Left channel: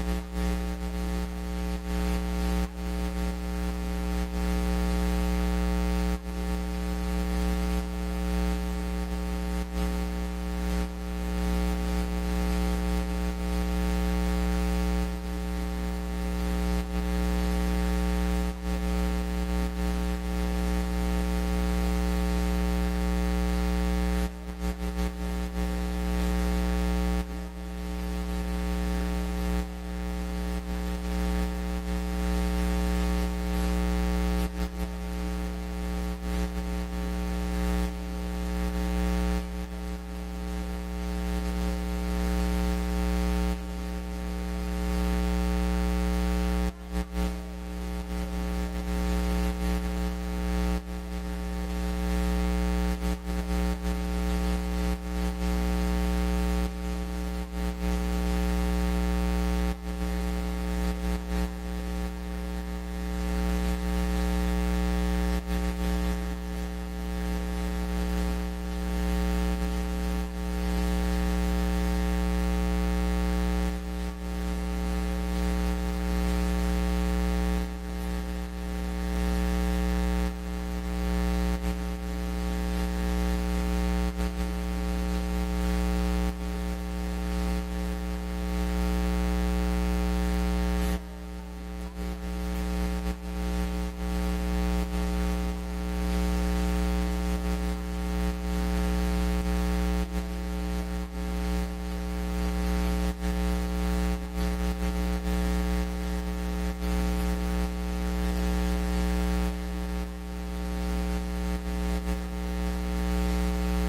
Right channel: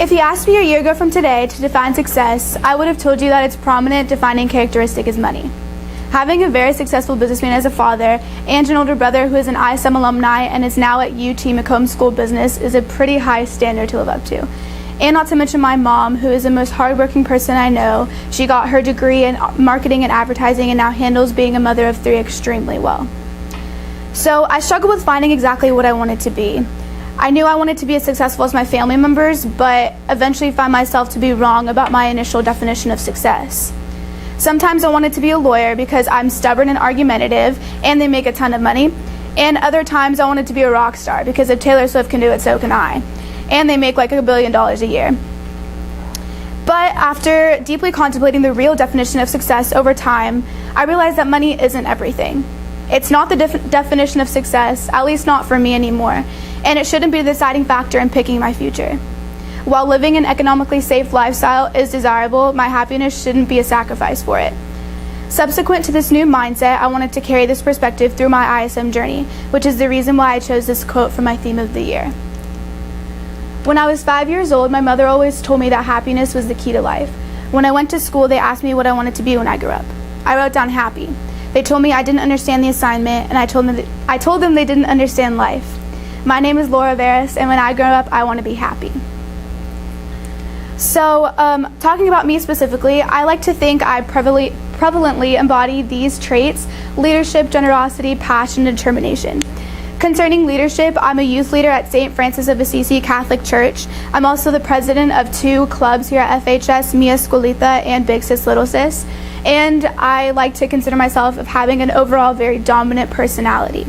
If you asked me a year ago from today to define success, I would have told you that its prominent defining characteristic is money. Having a very successful businessman as a father and an older brother who is an ISM alumni and is now at UT Macomb School of Business is a pretty high standard to live up to. And not to mention my mom, who is the most hardworking person I know. She got her degree in marketing and advertising and now handles being a mother of 3 extremely well. So I struggled with finding exactly what I wanted to be. I knew I wanted to be as successful as my family members, but eventually found myself to be wrong about my initial definition of success. Sometimes I wanted to be a lawyer because I'm stubborn and argumentative and they make a ton of money. And other times I wanted to be a rock star because if Taylor Swift can do it, so can I. And they make like $1 billion a year. But after deeply contemplating the real definition of success over time, I realized that money isn't everything. It's not the definition of success, at least not for me anymore. And it shouldn't be the deciding factor in picking my future. While living an economically safe lifestyle is desirable, my happiness shouldn't be a sacrifice for it. Subsequent to this new mindset, I wanted to carry this perspective through my ISM journey, which is the reason why I chose this quote for my theme of the year. When I was 5 years old, my mother always told me that happiness was the key to life. When I went to school, they asked me what I wanted to be when I grew up. I wrote down happy. They told me I didn't understand the assignment, and I told them they didn't understand life. My name is Laura Veras, and when I grow up, I want to be happy. So, talking about me specifically, I like to think I prevalently embody these traits: leadership, generosity, passion, and determination. Concerning leadership, I'm a youth leader at St. Francis of Assisi Catholic Church. I'm also the president of 2 clubs here at FHS, Mia Escuelita and Big Sis Little Sis. And I like to consider myself of having an overall very dominant personality.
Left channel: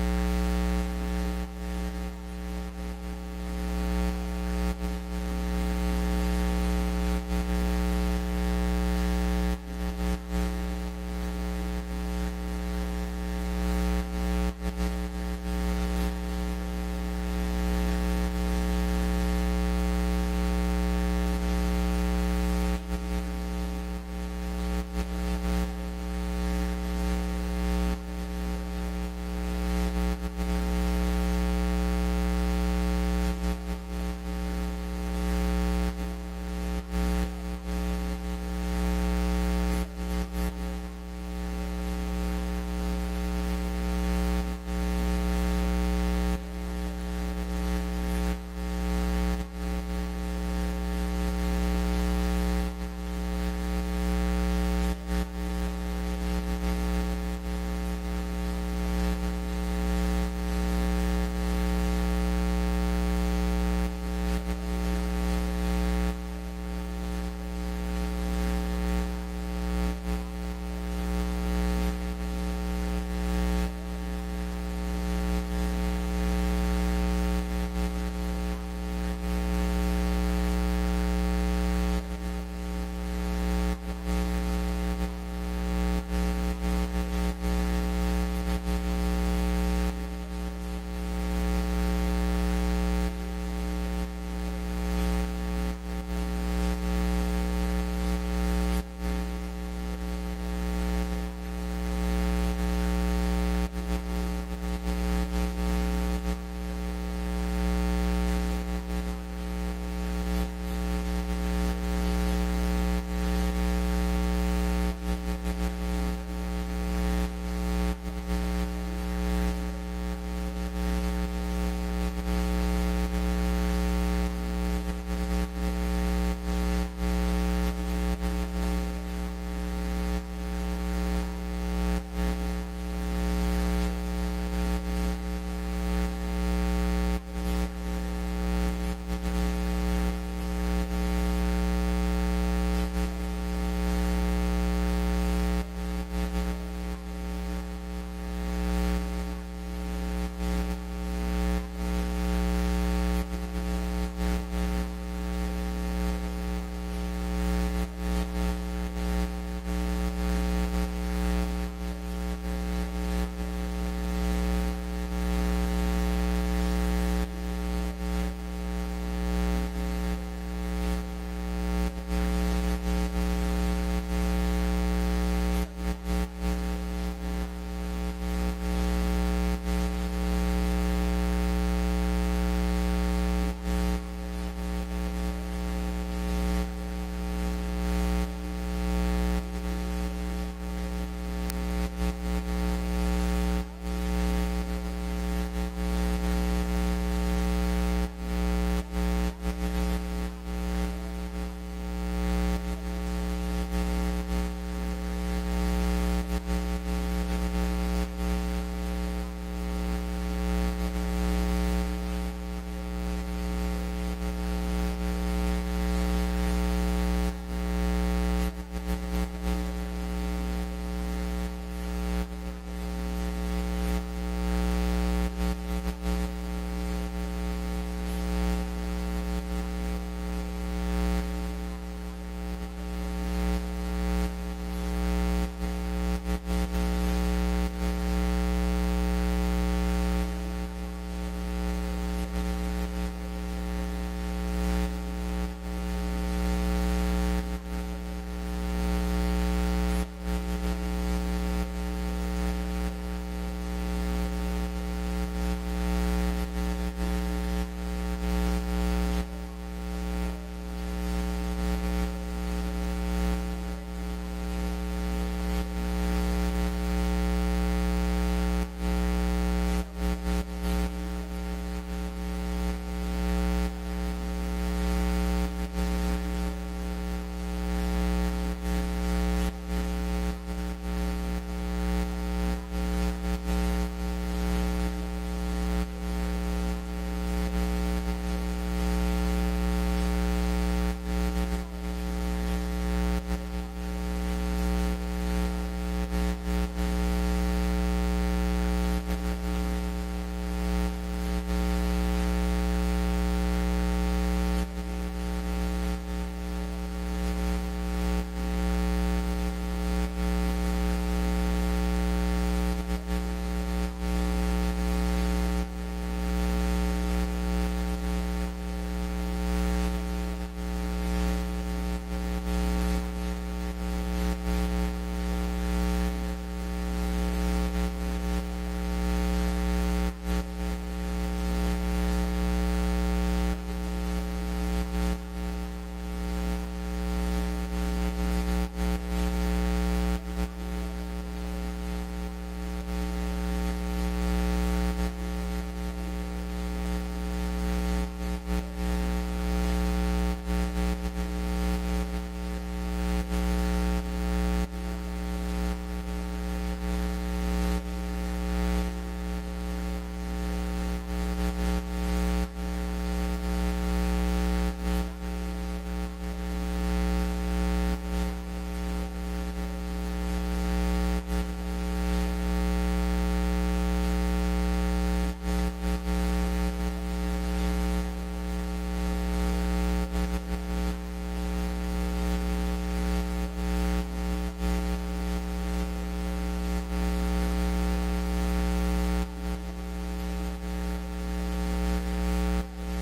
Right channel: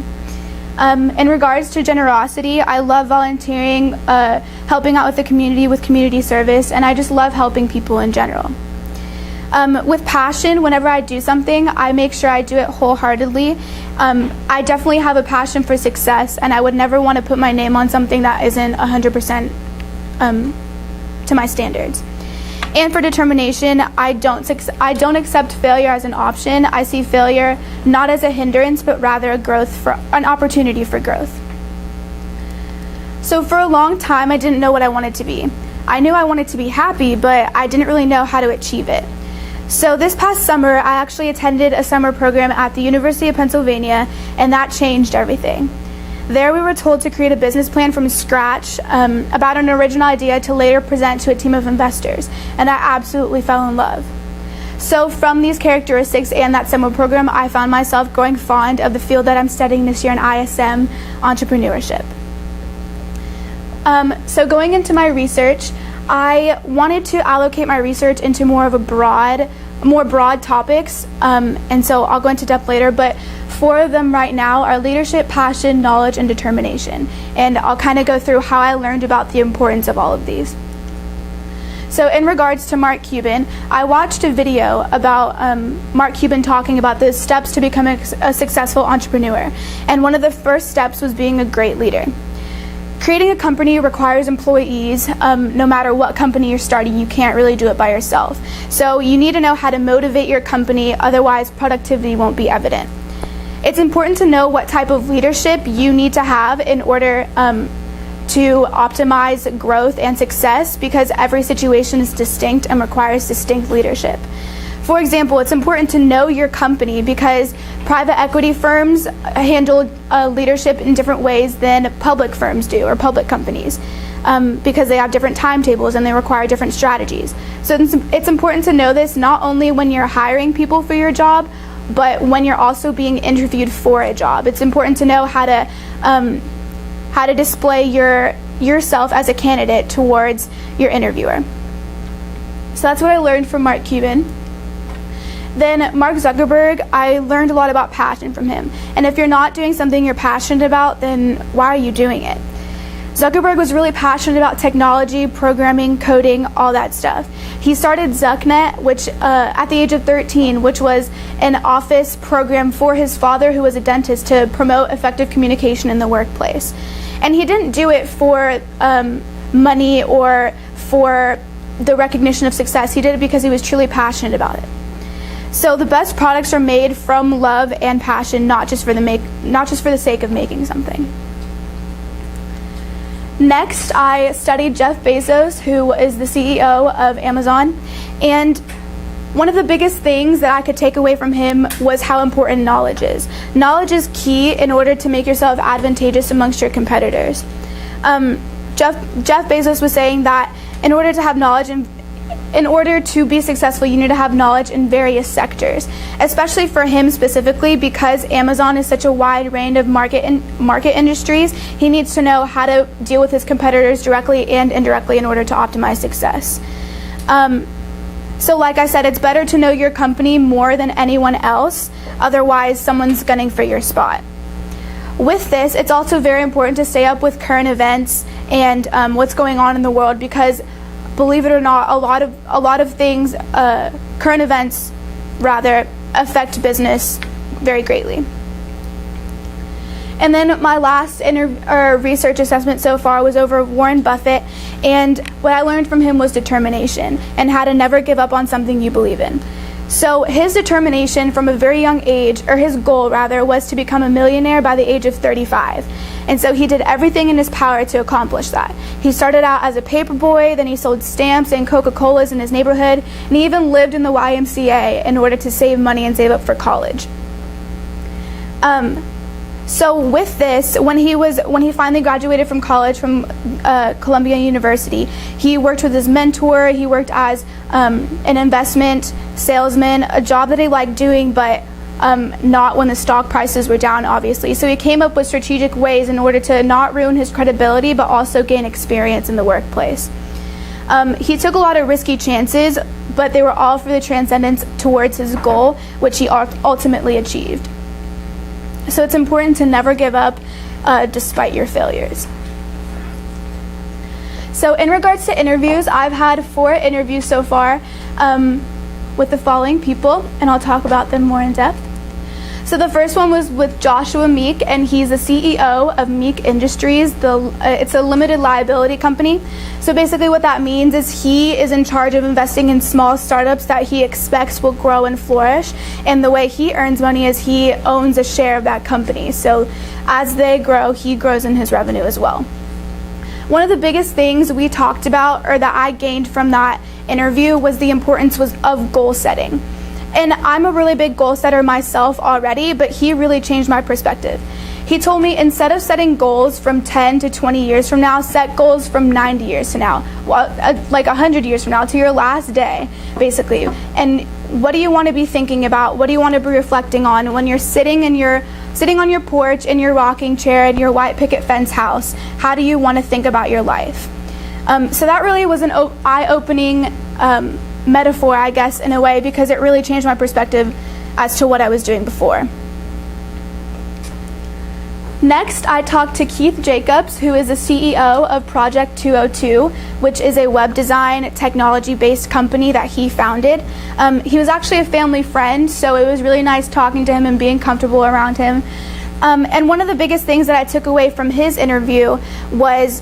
In regards to generosity, I love volunteering, helping out with the community with community service, and I just love helping people in general. With passion, whenever I do something, I make sure I do it wholeheartedly. I definitely have a passion for success, and I would never want to put my name on something that isn't 100% to my standards. And for determination, I don't accept failure as an option. I see failure not as a hindrance, but rather an opportunity for growth. So for a long time, I didn't know what I wanted to be. I knew I wanted to be happy, but I didn't really know how to achieve it. So this past summer, I actually attended a summer program at the University of Pennsylvania, and that changed everything. There we were told to create a business plan from scratch about an original idea to later present to a team of investors, and I absolutely fell in love. So from these characteristics and that summer program, I found myself growing fond of the field that I'm studying this year in ISM, entrepreneurship. So going into my research, I wanted to allocate my research into more broad topics, and so I'll go into depth later, but 4 of them right now are leadership, passion, knowledge, and determination. And I'll kind of go through how I learned about the importance of all of these. So in regards to Mark Cuban, I watched a video about Mark Cuban talking about the steps to becoming a successful entrepreneur. And one of the first steps was being a great leader. Creating a company requires employees. No matter what company you're starting, you can't really do it by yourself. So you need to know how to motivate your company, otherwise productivity won't be evident. It's important to know what type of leadership you need to have in order to optimize growth and success, because every situation is distinct and requires distinct leadership. For example, it's important to know your company because private equity firms handle leadership in different ways than public firms do, or public companies, because they have different timetables and they require different strategies. So it's important to know this not only when you're hiring people for your job, but when you're also being interviewed for a job. It's important to know how to display yourself as a candidate towards your interviewer. So that's what I learned from Mark Cuban. Then Mark Zuckerberg, I learned a lot about passion from him. And if you're not doing something you're passionate about, then why are you doing it? Zuckerberg was really passionate about technology, programming, coding, all that stuff. He started ZuckNet, which at the age of 13, which was an office program for his father, who was a dentist, to promote effective communication in the workplace. And he didn't do it for money or for the recognition of success. He did it because he was truly passionate about it. So the best products are made from love and passion, not just for the sake of making something. Next, I studied Jeff Bezos, who is the CEO of Amazon, and one of the biggest things that I could take away from him was how important knowledge is. Knowledge is key in order to make yourself advantageous amongst your competitors. Jeff Bezos was saying that in order to have knowledge and in order to be successful, you need to have knowledge in various sectors, especially for him specifically, because Amazon is such a wide range of market industries. He needs to know how to deal with his competitors directly and indirectly in order to optimize success. So like I said, it's better to know your company more than anyone else, otherwise someone's gunning for your spot. With this, it's also very important to stay up with current events and what's going on in the world, because believe it or not, a lot of things, current events rather, affect business very greatly. And then my last research assessment so far was over Warren Buffett, and what I learned from him was determination and how to never give up on something you believe in. So his determination from a very young age, or his goal rather, was to become a millionaire by the age of 35. And so he did everything in his power to accomplish that. He started out as a paper boy, then he sold stamps and Coca-Colas in his neighborhood, and he even lived in the YMCA in order to save money and save up for college. So with this, when he finally graduated from college from Columbia University, he worked with his mentor. He worked as an investment salesman, a job that he liked doing, but not when the stock prices were down, obviously. So he came up with strategic ways in order to not ruin his credibility, but also gain experience in the workplace. He took a lot of risky chances, but they were all for the transcendence towards his goal, which he ultimately achieved. So it's important to never give up despite your failures. So in regards to interviews, I've had 4 interviews so far with the following people, and I'll talk about them more in depth. So the first one was with Joshua Meek, and he's the CEO of Meek Industries. It's a limited liability company. So basically what that means is he is in charge of investing in small startups that he expects will grow and flourish. And the way he earns money is he owns a share of that company. So as they grow, he grows in his revenue as well. One of the biggest things we talked about, or that I gained from that interview, was the importance of goal setting. And I'm a really big goal setter myself already, but he really changed my perspective. He told me, instead of setting goals from 10 to 20 years from now, set goals from 90 years from now, like 100 years from now, to your last day, basically. And what do you want to be thinking about? What do you want to be reflecting on when you're sitting on your porch in your rocking chair in your white picket fence house? How do you want to think about your life? So that really was an eye-opening metaphor, I guess, in a way, because it really changed my perspective as to what I was doing before. Next, I talked to Keith Jacobs, who is the CEO of Project 202, which is a web design technology-based company that he founded. He was actually a family friend, so it was really nice talking to him and being comfortable around him. And one of the biggest things that I took away from his interview was,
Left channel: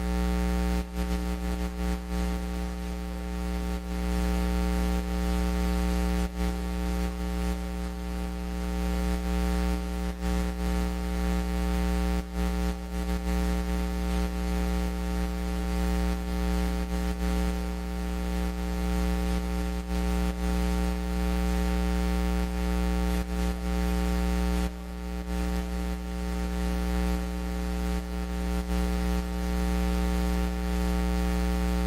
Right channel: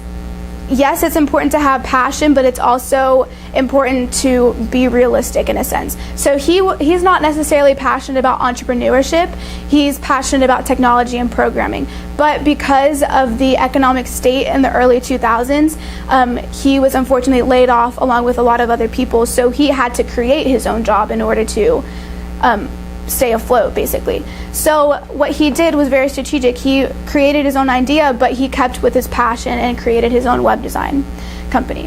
yes, it's important to have passion, but it's also important to be realistic in a sense. So he's not necessarily passionate about entrepreneurship. He's passionate about technology and programming. But because of the economic state in the early 2000s, he was unfortunately laid off along with a lot of other people. So he had to create his own job in order to stay afloat, basically. So what he did was very strategic. He created his own idea, but he kept with his passion and created his own web design company.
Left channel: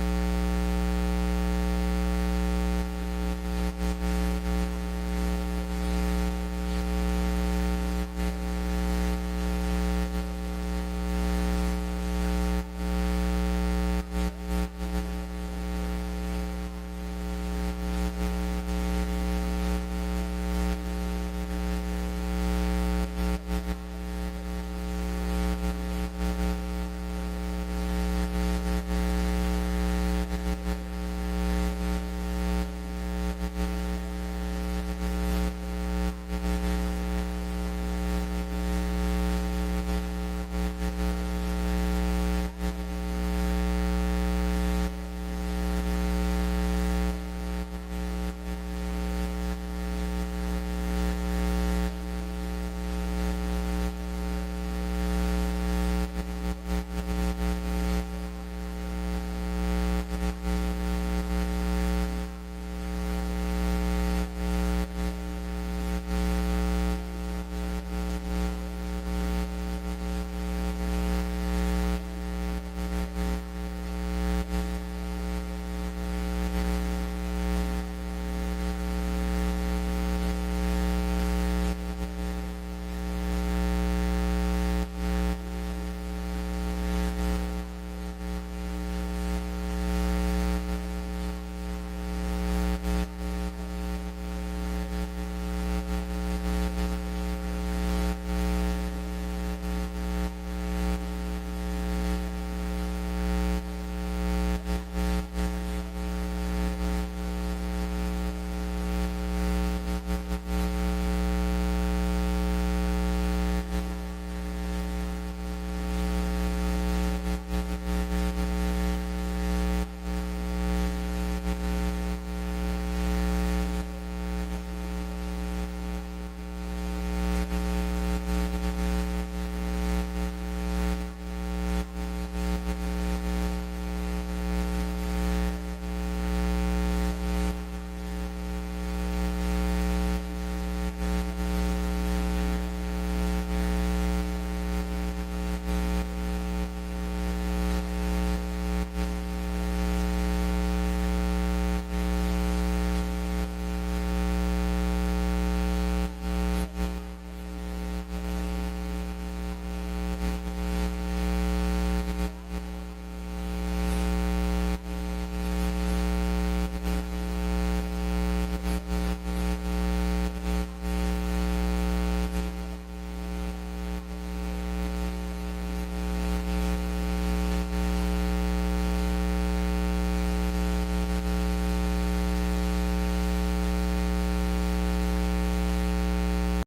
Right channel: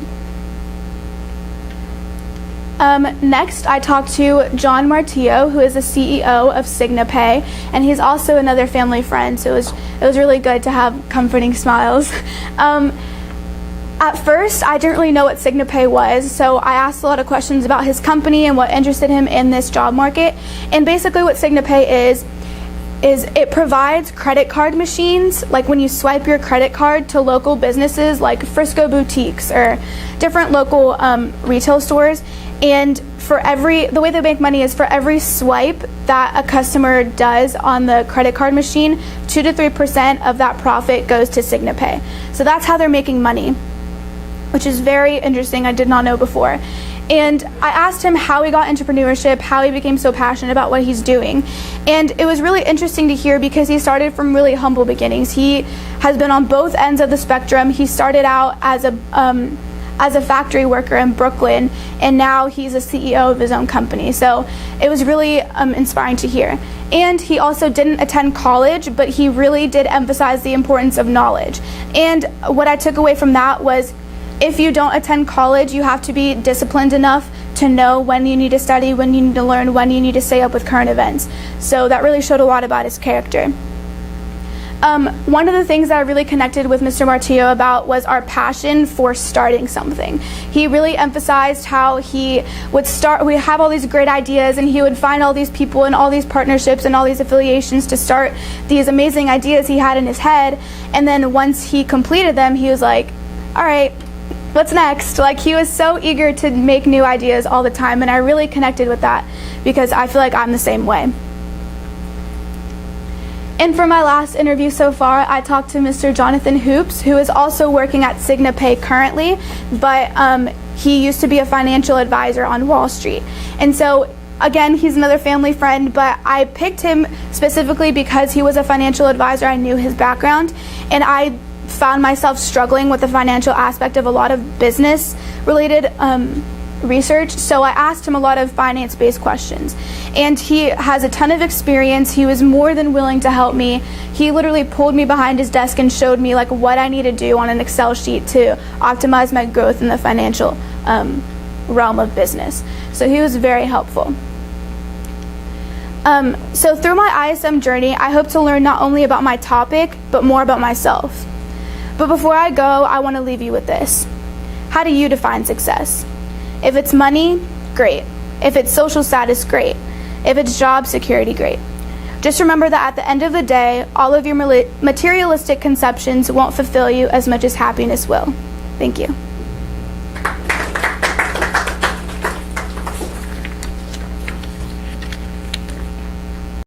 Next, I talked to John Martillo, who is the CEO of SignaPay, and he's also another family friend, so it was really good to have comforting smiles. At first, I didn't really know what SignaPay was, so I asked a lot of questions about his company and what interested him in this job market. And basically what SignaPay is it provides credit card machines, like when you swipe your credit card to local businesses like Frisco boutiques or different local retail stores. And the way they make money is for every swipe that a customer does on the credit card machine, 2 to 3% of that profit goes to SignaPay. So that's how they're making money, which is very interesting. I did not know before. And I asked him how he got entrepreneurship, how he became so passionate about what he's doing. And it was really interesting to hear because he started from really humble beginnings. He has been on both ends of the spectrum. He started out as a factory worker in Brooklyn, and now he's a CEO of his own company. So it was really inspiring to hear. And he also didn't attend college, but he really did emphasize the importance of knowledge. And what I took away from that was, if you don't attend college, you have to be disciplined enough to know when you need to study, when you need to learn, when you need to stay up with current events. So that really showed a lot about his character. One of the things that I really connected with Mr. Martillo about was our passion for starting something. He really emphasized how we have all these great ideas, and he would find all these people and all these partnerships and all these affiliations to start these amazing ideas he had in his head. And then once he completed them, he was like, all right, what's next? Like, he was so eager to make new ideas all the time, and I really connected with that because I feel like I'm the same way. And for my last interview so far, I talked to Mr. Jonathan Hoops, who is also working at Signapay currently, but he used to be a financial advisor on Wall Street. And so, again, he's another family friend, but I picked him specifically because he was a financial advisor. I knew his background, and I found myself struggling with the financial aspect of a lot of business-related research, so I asked him a lot of finance-based questions. And he has a ton of experience. He was more than willing to help me. He literally pulled me behind his desk and showed me like what I need to do on an Excel sheet to optimize my growth in the financial realm of business. So he was very helpful. So through my ISM journey, I hope to learn not only about my topic, but more about myself. But before I go, I want to leave you with this. How do you define success? If it's money, great. If it's social status, great. If it's job security, great. Just remember that at the end of the day, all of your materialistic conceptions won't fulfill you as much as happiness will. Thank you.